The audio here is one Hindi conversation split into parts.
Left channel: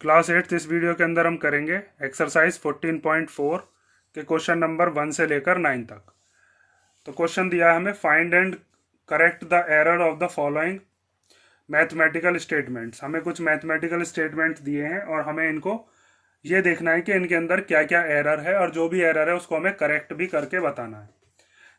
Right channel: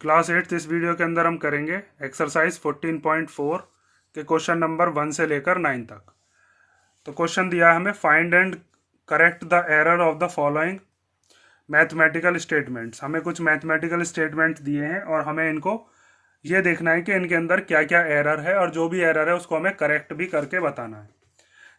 क्लास 8 इस वीडियो के अंदर हम करेंगे एक्सरसाइज 14.4 के क्वेश्चन नंबर 1 से लेकर 9 तक। तो क्वेश्चन दिया है हमें, find and correct the error of the following mathematical statements. हमें कुछ मैथमेटिकल स्टेटमेंट दिए हैं और हमें इनको ये देखना है कि इनके अंदर क्या क्या एरर है, और जो भी एरर है उसको हमें करेक्ट भी करके बताना है।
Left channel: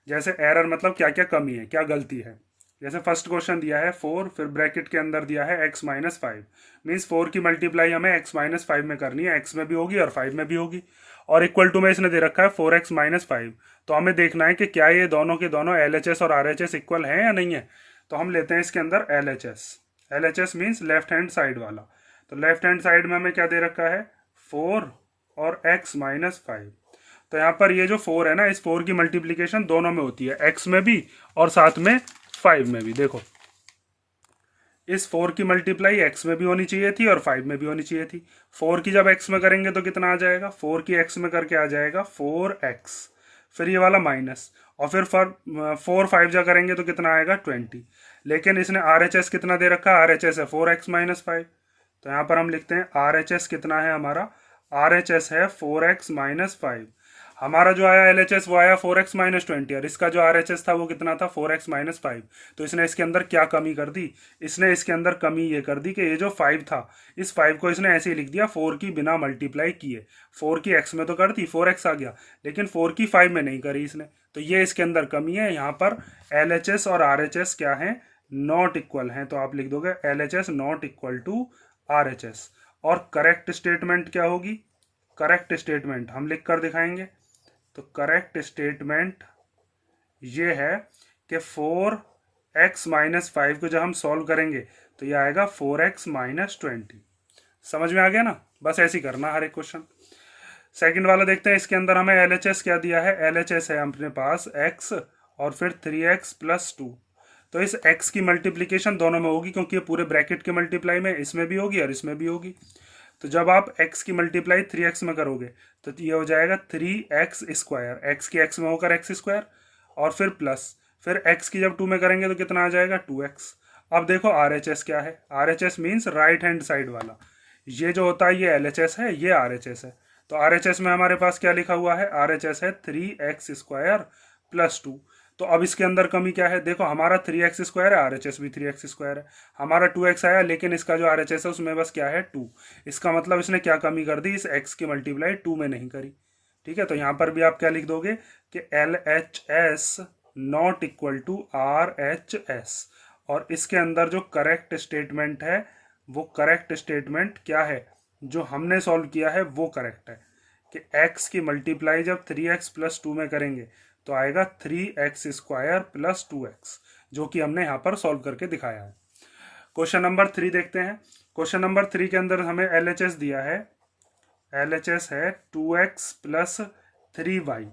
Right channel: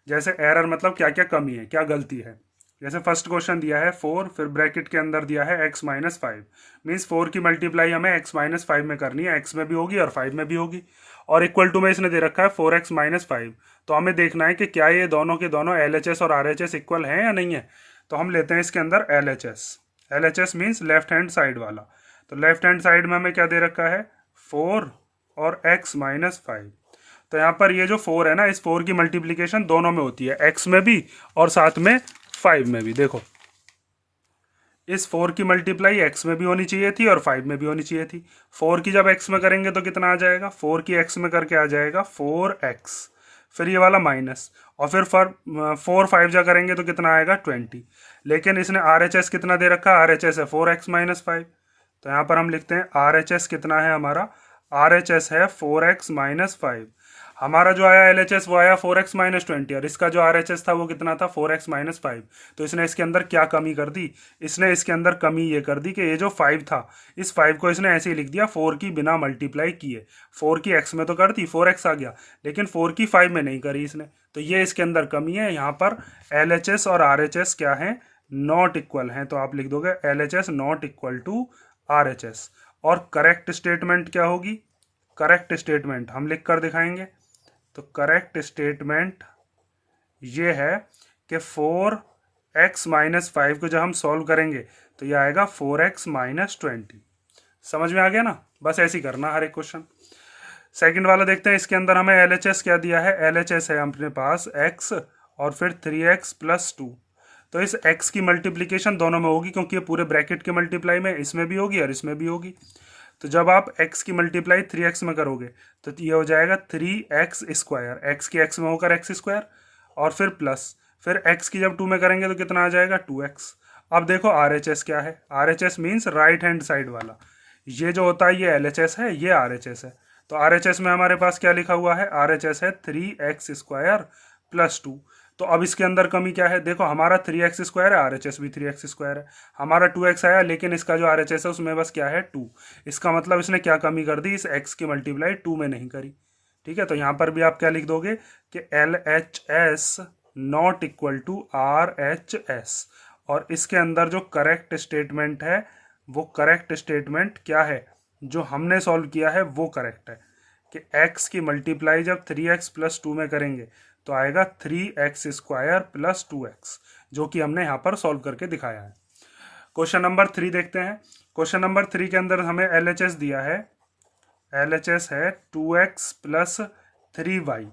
जैसे एरर मतलब क्या क्या कमी है, क्या गलती है। जैसे फर्स्ट क्वेश्चन दिया है 4, फिर ब्रैकेट के अंदर दिया है x माइनस 5। मीन्स 4 की मल्टीप्लाई हमें x माइनस 5 में करनी है, x में भी होगी और 5 में भी होगी। और इक्वल टू में इसने दे रखा है 4x माइनस 5। तो हमें देखना है कि क्या ये दोनों के दोनों LHS और RHS इक्वल हैं या नहीं है। तो हम लेते हैं इसके अंदर LHS। LHS means left hand side वाला। तो लेफ्ट हैंड साइड में हमें क्या दे रखा है, 4 और x माइनस 5। तो यहाँ पर ये जो 4 है ना, इस 4 की मल्टीप्लीकेशन दोनों में होती है, x में भी और साथ में 5 में भी। देखो, इस 4 की मल्टीप्लाई x में भी होनी चाहिए थी और 5 में भी होनी चाहिए थी। 4 की जब x में करेंगे तो कितना आ जाएगा, 4 की x में करके आ जाएगा 4x, फिर ये वाला माइनस, और फिर 4 5 जा करेंगे तो कितना आएगा 20। लेकिन इसने RHS कितना दे रखा है, RHS है 4x माइनस 5। तो यहाँ पर हम लिखते हैं RHS कितना है हमारा, RHS है 4x माइनस 5। हमारा जो आया LHS वो आया 4x माइनस 20, और इसका जो RHS था वो कितना था, 4x माइनस 5। तो इसने इसके अंदर क्या कमी कर दी, इसने इसके अंदर कमी ये कर दी कि ये जो 5 था, इस 5 को इसने ऐसे ही लिख दिया 4 की बिना मल्टीप्लाई किए। 4 की x में तो कर दी, 4x आ गया, लेकिन 4 की 5 में नहीं करी इसने। तो ये इसके अंदर कमी है। यहाँ पर LHS और RHS क्या है, नॉट इक्वल हैं। तो आप लिख दोगे LHS not equal to RHS। और करेक्ट स्टेटमेंट क्या होगी, करेक्ट स्टेटमेंट हम लिख कर दिखाएंगे। तो करेक्ट स्टेटमेंट ये है कि 4x माइनस 5 को जब हम सॉल्व करेंगे तो ये आएगा 4x माइनस 20। समझ में आ गया ना, बस ऐसे ही करना हर एक क्वेश्चन। सेकंड वाला देखते हैं, इसके अंदर हमें LHS क्या दिया है, LHS है अपने पास x और फिर 3x प्लस 2। तो इस x की मल्टीप्लीकेशन दोनों में होगी, क्योंकि ये पूरे ब्रैकेट के मल्टीप्लाई में इसमें भी होगी और इसमें भी होगी। तो जब आप x की मल्टीप्लाई 3x में करोगे तो ये हो जाएगा 3x स्क्वायर, x की x में होकर x स्क्वायर, और फिर प्लस, फिर x की जब 2 में करेंगे तो कितना आ जाएगा 2x। अब देखो RHS क्या है, RHS means right hand side वाला। ये जो होता है ये LHS है, ये RHS है। तो RHS में हमारे पास क्या लिखा हुआ है, RHS है 3x स्क्वायर प्लस 2। तो अब इसके अंदर कमी क्या है, देखो हमारा 3x स्क्वायर है, RHS भी 3x स्क्वायर है। हमारा 2x आया, लेकिन इसका जो RHS है उसमें बस क्या है 2। इसका मतलब इसने क्या कमी कर दी, इस x की मल्टीप्लाई 2 में नहीं करी। ठीक है, तो यहाँ पर भी आप क्या लिख दोगे कि LHS not equal to RHS। और इसके अंदर जो करेक्ट स्टेटमेंट है, वो करेक्ट स्टेटमेंट क्या है, जो हमने सॉल्व किया है वो करेक्ट है कि x की मल्टीप्लाई जब 3x प्लस 2 में करेंगे तो आएगा 3x स्क्वायर प्लस 2x, जो कि हमने यहाँ पर सॉल्व करके दिखाया है। क्वेश्चन नंबर 3 देखते हैं। क्वेश्चन नंबर 3 के अंदर हमें LHS दिया है, LHS है 2x प्लस 3y।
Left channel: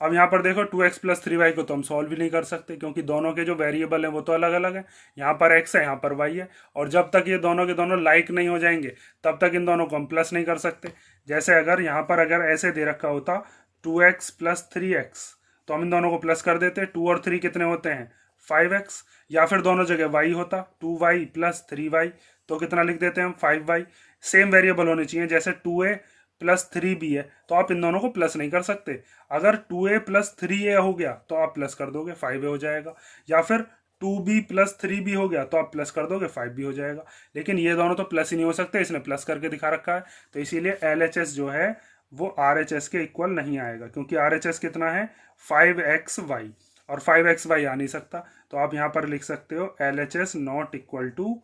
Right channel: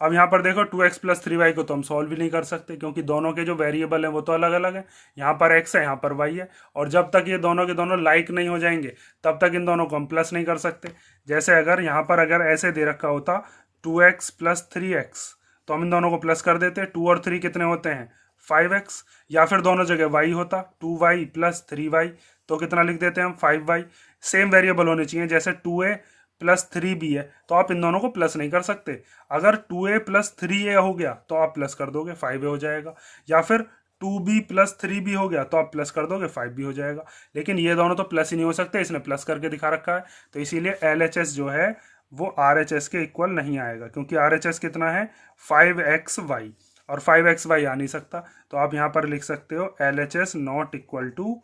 अब यहाँ पर देखो 2x प्लस 3y को तो हम सॉल्व भी नहीं कर सकते, क्योंकि दोनों के जो वेरिएबल हैं वो तो अलग अलग हैं। यहाँ पर x है, यहाँ पर y है, और जब तक ये दोनों के दोनों लाइक नहीं हो जाएंगे तब तक इन दोनों को हम प्लस नहीं कर सकते। जैसे अगर यहाँ पर अगर ऐसे दे रखा होता 2x प्लस 3x, तो हम इन दोनों को प्लस कर देते। 2 और 3 कितने होते हैं 5x, या फिर दोनों जगह y होता 2y प्लस 3y, तो कितना लिख देते हैं हम 5y। सेम वेरिएबल होने चाहिए, जैसे 2a प्लस 3b है तो आप इन दोनों को प्लस नहीं कर सकते। अगर 2a प्लस 3a हो गया तो आप प्लस कर दोगे 5a हो जाएगा, या फिर 2b प्लस 3b हो गया तो आप प्लस कर दोगे 5b हो जाएगा। लेकिन ये दोनों तो प्लस ही नहीं हो सकते, इसने प्लस करके दिखा रखा है। तो इसीलिए LHS जो है वो RHS के इक्वल नहीं आएगा, क्योंकि RHS कितना है 5xy, और 5xy आ नहीं सकता। तो आप यहाँ पर लिख सकते हो LHS not equal to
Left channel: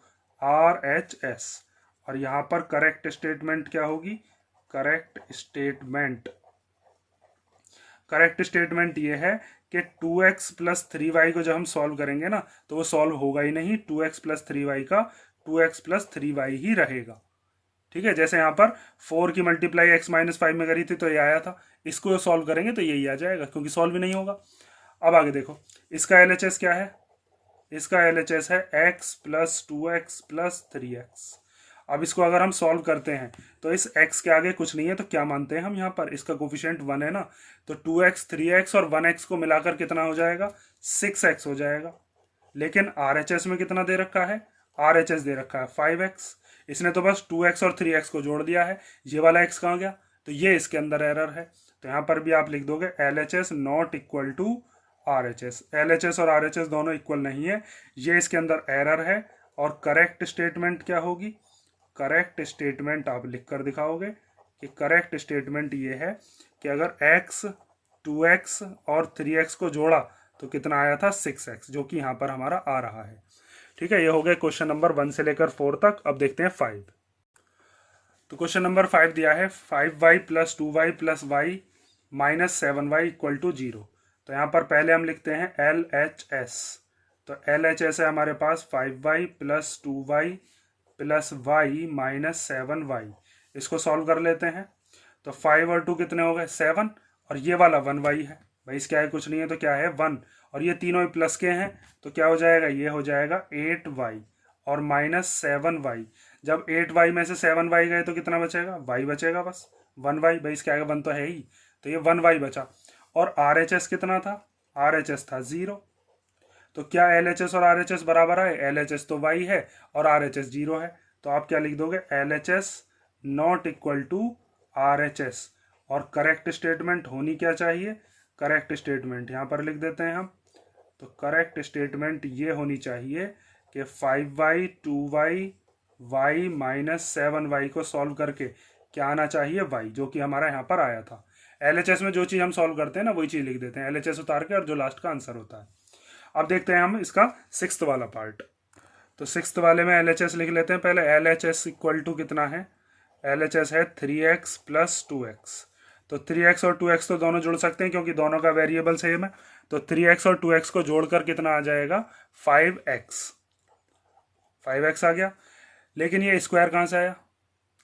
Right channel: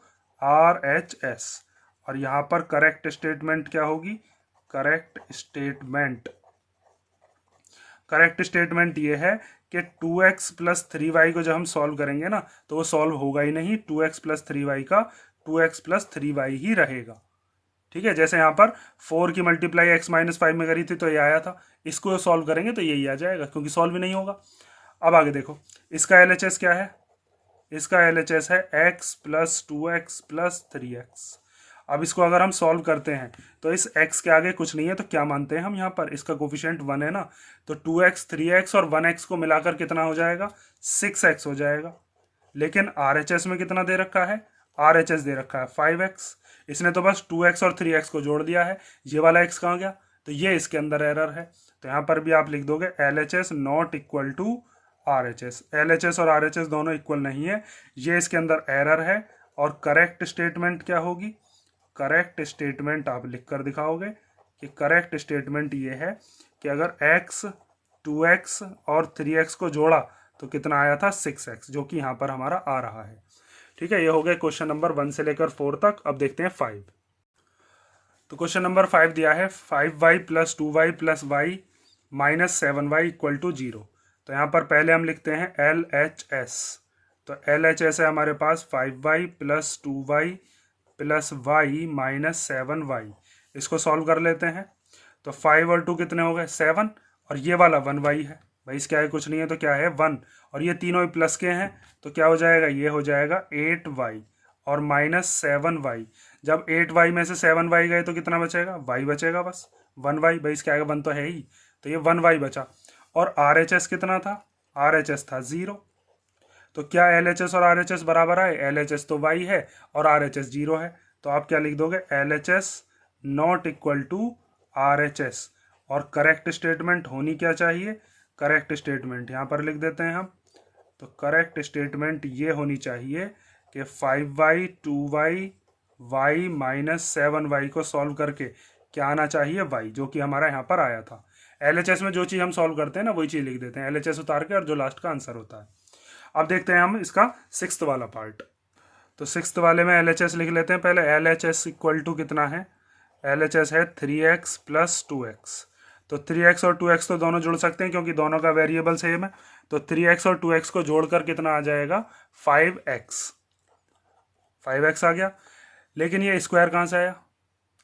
RHS। और यहाँ पर करेक्ट स्टेटमेंट क्या होगी, करेक्ट स्टेटमेंट ये है कि 2x प्लस 3y को जब हम सॉल्व करेंगे ना तो वो सॉल्व होगा ही नहीं, 2x प्लस 3y का 2x प्लस 3y ही रहेगा। ठीक है, जैसे यहाँ पर 4 की मल्टीप्लाई x माइनस 5 में करी थी तो ये आया था, इसको सॉल्व करेंगे तो यही आ जाएगा, क्योंकि सॉल्व भी नहीं होगा। अब आगे देखो, इसका LHS क्या है, इसका LHS है x plus 2x plus 3x। अब इसको अगर हम सॉल्व करते हैं तो इस x के आगे कुछ नहीं है, तो क्या मानते हैं हम, यहाँ पर इसका कोफिशिएंट 1 है ना, तो 2x 3x और 1x को मिलाकर कितना हो जाएगा 6x हो जाएगा। लेकिन RHS में कितना दे रखा है, RHS दे रखा है 5x। इसने तो बस 2x और 3x को जोड़ दिया है, ये वाला x कहाँ गया, तो ये इसके अंदर एरर है। तो यहाँ पर भी आप लिख दोगे LHS not equal to RHS। LHS और RHS दोनों इक्वल नहीं है, ये इसके अंदर एरर है। और करेक्ट स्टेटमेंट क्या होगी, करेक्ट स्टेटमेंट आप लिख कर दिखाओगे कि करेक्ट स्टेटमेंट ये है कि अगर x 2x और 3x को जोड़ा तो कितना आया था 6x, जो कि यहाँ पर हमारा आ रहा है। ठीक है, ये हो गया क्वेश्चन नंबर 1 से लेकर 4 तक। अब देखते हैं 5। तो क्वेश्चन नंबर 5 दिया है 5y plus 2y plus y minus 7y equal to 0। तो यहाँ पर पहले हम लिखते हैं LHS। तो LHS है हमारे पास 5y plus 2y plus y minus 7y। इसको सॉल्व कर लेते हैं। तो 5 और 2 कितने हो गए 7, और ये वाला 1y है भाई, इसका है कुछ नहीं है तो क्या है 1, और ये तीनों ही प्लस के हैं तो क्या हो जाएगा, ये हो जाएगा 8y और माइनस 7y। जब 8y में से 7y गए तो कितना बचेगा, y बचेगा बस 1y भाई, इसके आगे 1 तो है ही, तो ये 1y बचा। और RHS कितना था, RHS था 0। तो क्या LHS और RHS बराबर आए, LHS तो y है और RHS 0 है, तो आप क्या लिख दोगे LHS not equal to RHS। और करेक्ट स्टेटमेंट होनी क्या चाहिए, करेक्ट स्टेटमेंट यहाँ पर लिख देते हैं हम। तो करेक्ट स्टेटमेंट ये होनी चाहिए कि 5y 2y y minus 7y को सॉल्व करके क्या आना चाहिए y, जो कि हमारा यहाँ पर आया था। LHS में जो चीज़ हम सॉल्व करते हैं ना वही चीज़ लिख देते हैं, LHS उतार के, और जो लास्ट का आंसर होता है। अब देखते हैं हम इसका 6th वाला पार्ट। तो 6th वाले में LHS लिख लेते हैं पहले। LHS इक्वल टू कितना है, LHS है 3x प्लस 2x। तो 3x और 2x तो दोनों जुड़ सकते हैं क्योंकि दोनों का वेरिएबल सेम है। तो 3x और 2x को जोड़कर कितना आ जाएगा 5x, 5x आ गया। लेकिन ये स्क्वायर कहाँ से आया,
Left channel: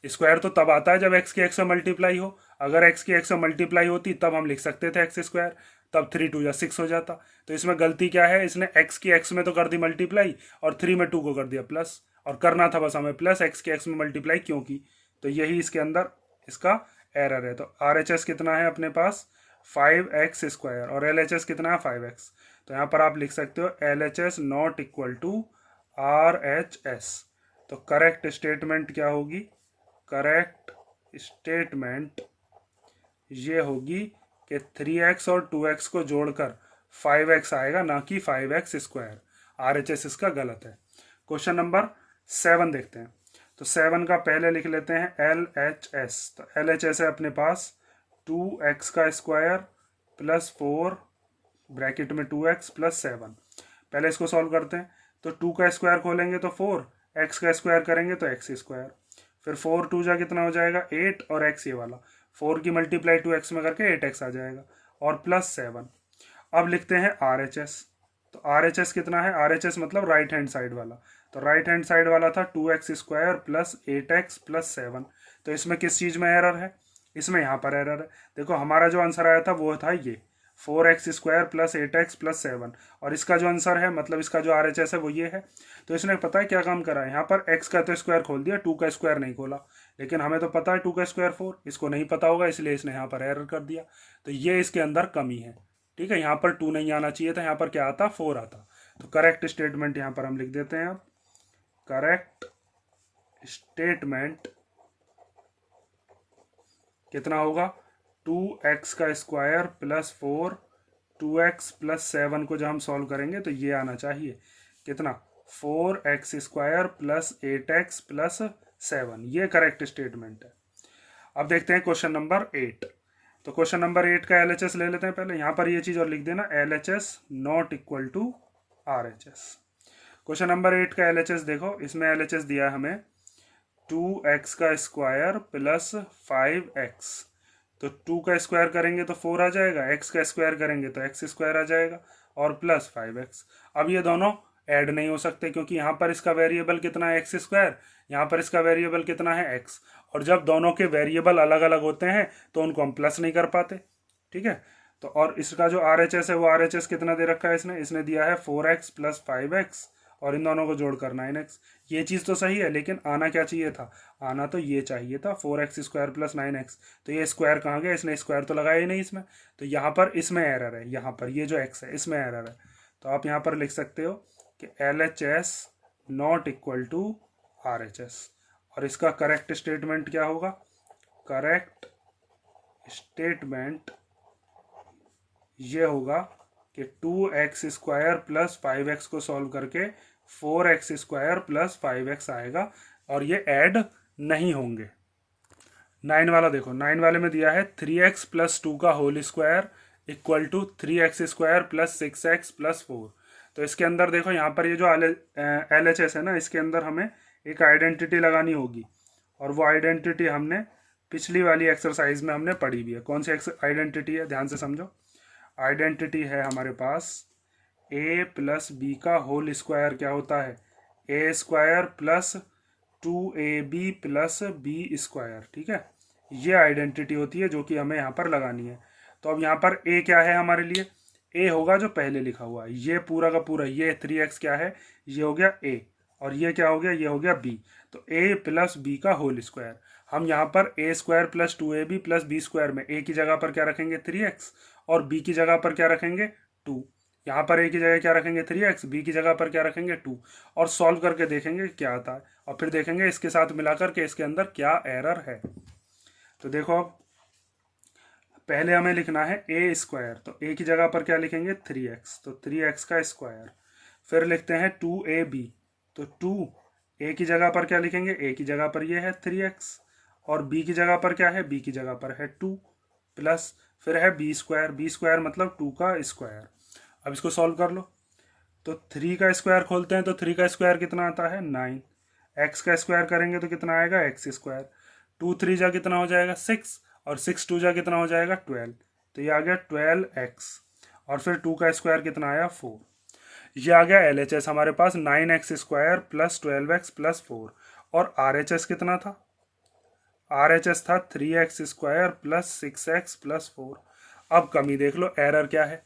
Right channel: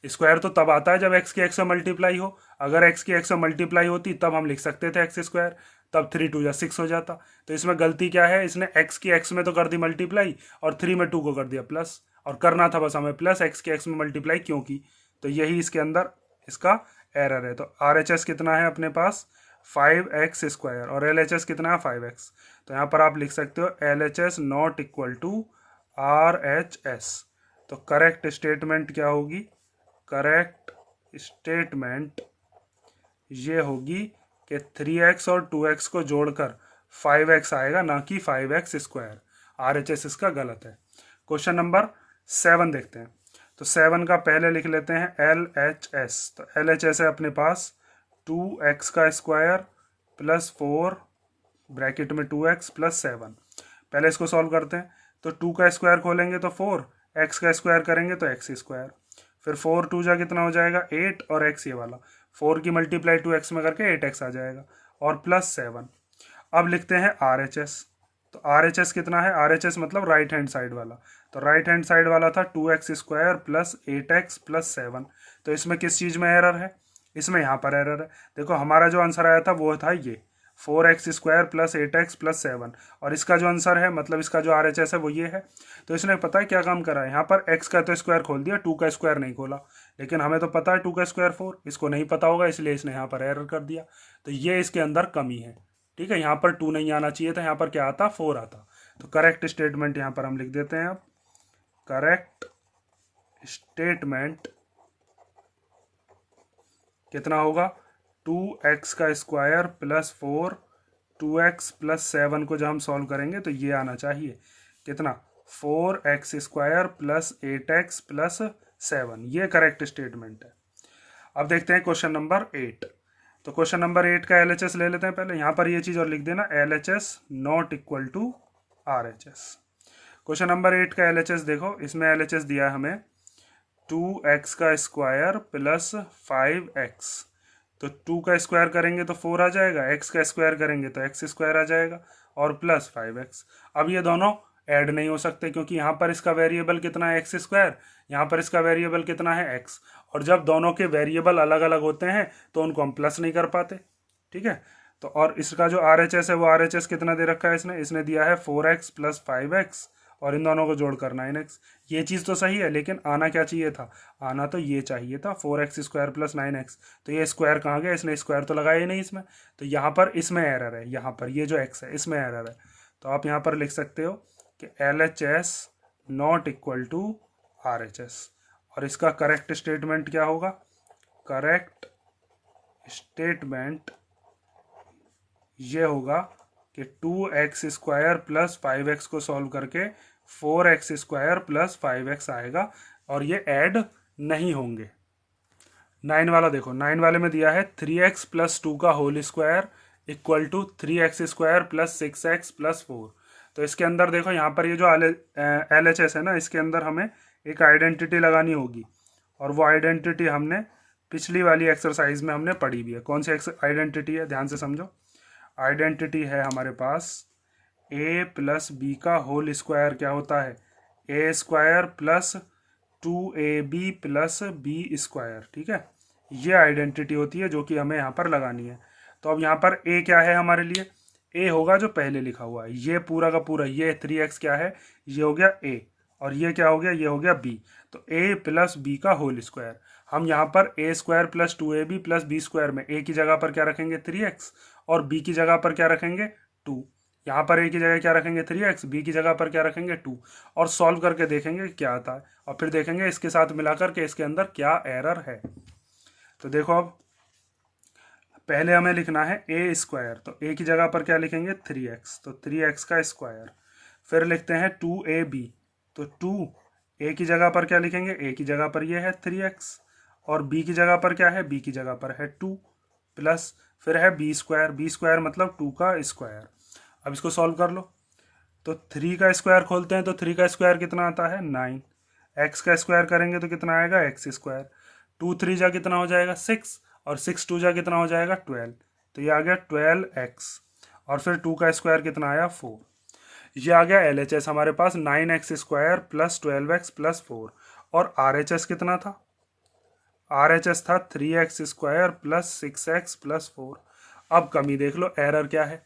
स्क्वायर तो तब आता है जब x की x से मल्टीप्लाई हो। अगर x की x से मल्टीप्लाई होती तब हम लिख सकते थे x स्क्वायर, तब 3 2 जा 6 हो जाता। तो इसमें गलती क्या है, इसने x की x में तो कर दी मल्टीप्लाई और 3 में 2 को कर दिया प्लस, और करना था बस हमें प्लस x की x में मल्टीप्लाई क्योंकि, तो यही इसके अंदर इसका एरर है। तो RHS कितना है अपने पास 5x स्क्वायर और LHS कितना है 5x। तो यहाँ पर आप लिख सकते हो LHS not equal to RHS। तो करेक्ट स्टेटमेंट क्या होगी, करेक्ट स्टेटमेंट ये होगी कि 3x और 2x को जोड़कर 5x आएगा, ना कि 5x स्क्वायर। RHS इसका गलत है। क्वेश्चन नंबर 7 देखते हैं। तो 7 का पहले लिख लेते हैं LHS। तो LHS है अपने पास 2x का स्क्वायर प्लस 4 ब्रैकेट में 2x प्लस 7। पहले इसको सॉल्व करते हैं। तो 2 का स्क्वायर खोलेंगे तो 4, x का स्क्वायर करेंगे तो x स्क्वायर, फिर 4 2 जा कितना हो जाएगा 8, और x ये वाला 4 की मल्टीप्लाई 2x में करके 8x आ जाएगा, और प्लस 7। अब लिखते हैं RHS। तो RHS कितना है, RHS मतलब राइट हैंड साइड वाला। तो राइट हैंड साइड वाला था 2x square plus 8x plus 7। तो इसमें किस चीज़ में एरर है, इसमें यहाँ पर एरर है। देखो हमारा जो आंसर आया था वो था ये 4x square plus 8x plus 7, और इसका जो आंसर है मतलब इसका जो RHS है वो ये है। तो इसने पता है क्या काम करा है, यहाँ पर x का तो स्क्वायर खोल दिया, 2 का स्क्वायर नहीं खोला। लेकिन हमें तो पता है 2 का स्क्वायर 4, इसको नहीं पता होगा इसलिए इसने यहाँ पर एरर कर दिया। तो ये इसके अंदर कमी है। ठीक है, यहाँ पर 2 नहीं आना चाहिए था, यहाँ पर क्या आता 4 आता। तो करेक्ट स्टेटमेंट यहाँ पर हम लिख देते हैं। अब करेक्ट स्टेटमेंट कितना होगा 2x का स्क्वायर प्लस 4, 2x प्लस 7 को जब हम सॉल्व करेंगे तो ये आना चाहिए कितना 4x square plus 8x plus 7। ये करेक्ट स्टेटमेंट है। अब देखते हैं क्वेश्चन नंबर 8। तो क्वेश्चन नंबर 8 का LHS ले लेते हैं पहले। यहाँ पर ये चीज़ और लिख देना LHS not equal to RHS। Question number 8 का LHS देखो, इसमें LHS दिया है हमें 2x का स्क्वायर प्लस 5x। तो 2 का स्क्वायर करेंगे तो 4 आ जाएगा, x का स्क्वायर करेंगे तो x स्क्वायर आ जाएगा, और प्लस 5x। अब ये दोनों ऐड नहीं हो सकते क्योंकि यहाँ पर इसका वेरिएबल कितना है x स्क्वायर, यहाँ पर इसका वेरिएबल कितना है x, और जब दोनों के वेरिएबल अलग अलग होते हैं तो उनको हम प्लस नहीं कर पाते। ठीक है, तो और इसका जो RHS है वो RHS कितना दे रखा है इसने दिया है 4x प्लस 5x, और इन दोनों को जोड़कर 9x। ये चीज़ तो सही है, लेकिन आना क्या चाहिए था, आना तो ये चाहिए था 4x स्क्वायर प्लस 9x। तो ये स्क्वायर कहाँ गया, इसने स्क्वायर तो लगाया ही नहीं इसमें। तो यहाँ पर इसमें एरर है, यहाँ पर ये जो x है इसमें एरर है। तो आप यहाँ पर लिख सकते हो कि LHS not equal to RHS। और इसका करेक्ट स्टेटमेंट क्या होगा? करेक्ट स्टेटमेंट ये होगा कि 2x² प्लस 5x को सॉल्व करके 4x² प्लस 5x आएगा और ये ऐड नहीं होंगे। 9 वाला देखो, 9 वाले में दिया है 3x प्लस 2 का whole square equal to 3x² plus 6x plus 4। तो इसके अंदर देखो यहाँ पर ये जो LHS है ना, इसके अंदर हमें एक आइडेंटिटी लगानी होगी और वो आइडेंटिटी हमने पिछली वाली एक्सरसाइज में हमने पढ़ी भी है। कौन सी आइडेंटिटी है, ध्यान से समझो। आइडेंटिटी है हमारे पास a प्लस बी का होल स्क्वायर क्या होता है? a² plus 2ab plus b²। ठीक है, ये आइडेंटिटी होती है जो कि हमें यहाँ पर लगानी है। तो अब यहाँ पर a क्या है हमारे लिए? a होगा जो पहले लिखा हुआ है, ये पूरा का पूरा, ये 3x क्या है? ये हो गया a, और ये क्या हो गया? ये हो गया b। तो a प्लस b का होल स्क्वायर, हम यहाँ पर a² plus 2ab plus b² में a की जगह पर क्या रखेंगे? 3x, और b की जगह पर क्या रखेंगे? 2। यहाँ पर a की जगह क्या रखेंगे? 3x, b की जगह पर क्या रखेंगे? 2, और सॉल्व करके देखेंगे क्या आता है, और फिर देखेंगे इसके साथ मिलाकर के इसके अंदर क्या एरर है। तो देखो, अब पहले हमें लिखना है a², तो a की जगह पर क्या लिखेंगे? 3x, तो 3x का स्क्वायर। फिर लिखते हैं 2ab, तो 2 a की जगह पर क्या लिखेंगे? a की जगह पर ये है 3x, और b की जगह पर क्या है? b की जगह पर है 2, प्लस फिर है b² मतलब 2 का स्क्वायर। अब इसको सॉल्व कर लो, तो 3 का स्क्वायर खोलते हैं, तो 3 का स्क्वायर कितना आता है? 9। x का स्क्वायर करेंगे तो कितना आएगा? x²। 2 3 जा कितना हो जाएगा? 6, और 6 2 जा कितना हो जाएगा? 12। तो ये आ गया 12x, और फिर 2 का स्क्वायर कितना आया? 4। ये आ गया LHS हमारे पास 9x² प्लस 12x प्लस 4। और RHS कितना था? RHS था 3x² प्लस 6x प्लस 4। अब कमी देख लो, एरर क्या है?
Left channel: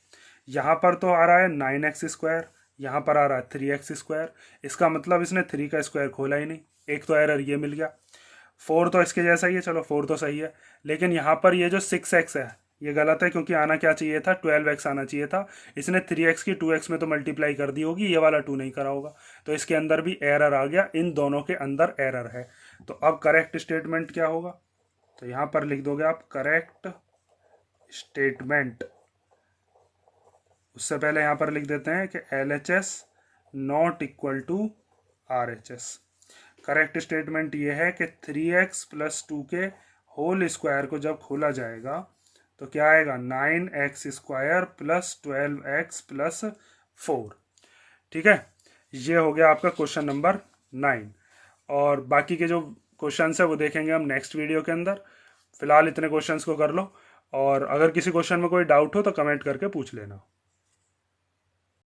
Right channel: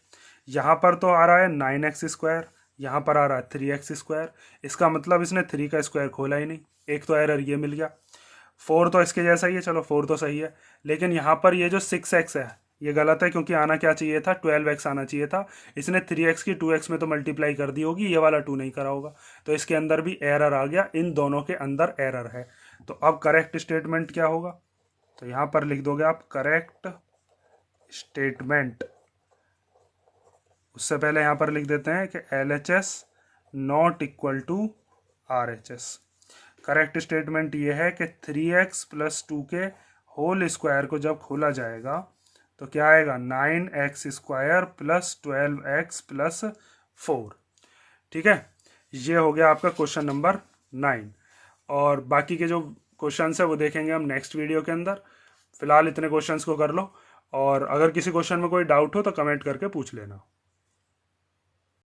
यहाँ पर तो आ रहा है 9x², यहाँ पर आ रहा है 3x²। इसका मतलब इसने 3 का स्क्वायर खोला ही नहीं, एक तो एरर ये मिल गया। 4 तो इसके जैसा ही है, चलो 4 तो सही है, लेकिन यहाँ पर ये जो 6x है ये गलत है, क्योंकि आना क्या चाहिए था? 12x आना चाहिए था। इसने 3x की 2x में तो मल्टीप्लाई कर दी होगी, ये वाला 2 नहीं करा होगा, तो इसके अंदर भी एरर आ गया, इन दोनों के अंदर एरर है। तो अब करेक्ट स्टेटमेंट क्या होगा? तो यहाँ पर लिख दोगे आप करेक्ट स्टेटमेंट। उससे पहले यहाँ पर लिख देते हैं कि LHS not equal to RHS। Correct statement ये है कि 3x प्लस 2 के होल स्क्वायर को जब खोला जाएगा तो क्या आएगा? 9x² plus 12x plus 4। ठीक है, ये हो गया आपका क्वेश्चन नंबर 9। और बाकी के जो क्वेश्चंस है वो देखेंगे हम नेक्स्ट वीडियो के अंदर। फिलहाल इतने क्वेश्चंस को कर लो, और अगर किसी क्वेश्चन में कोई डाउट हो तो कमेंट करके पूछ लेना।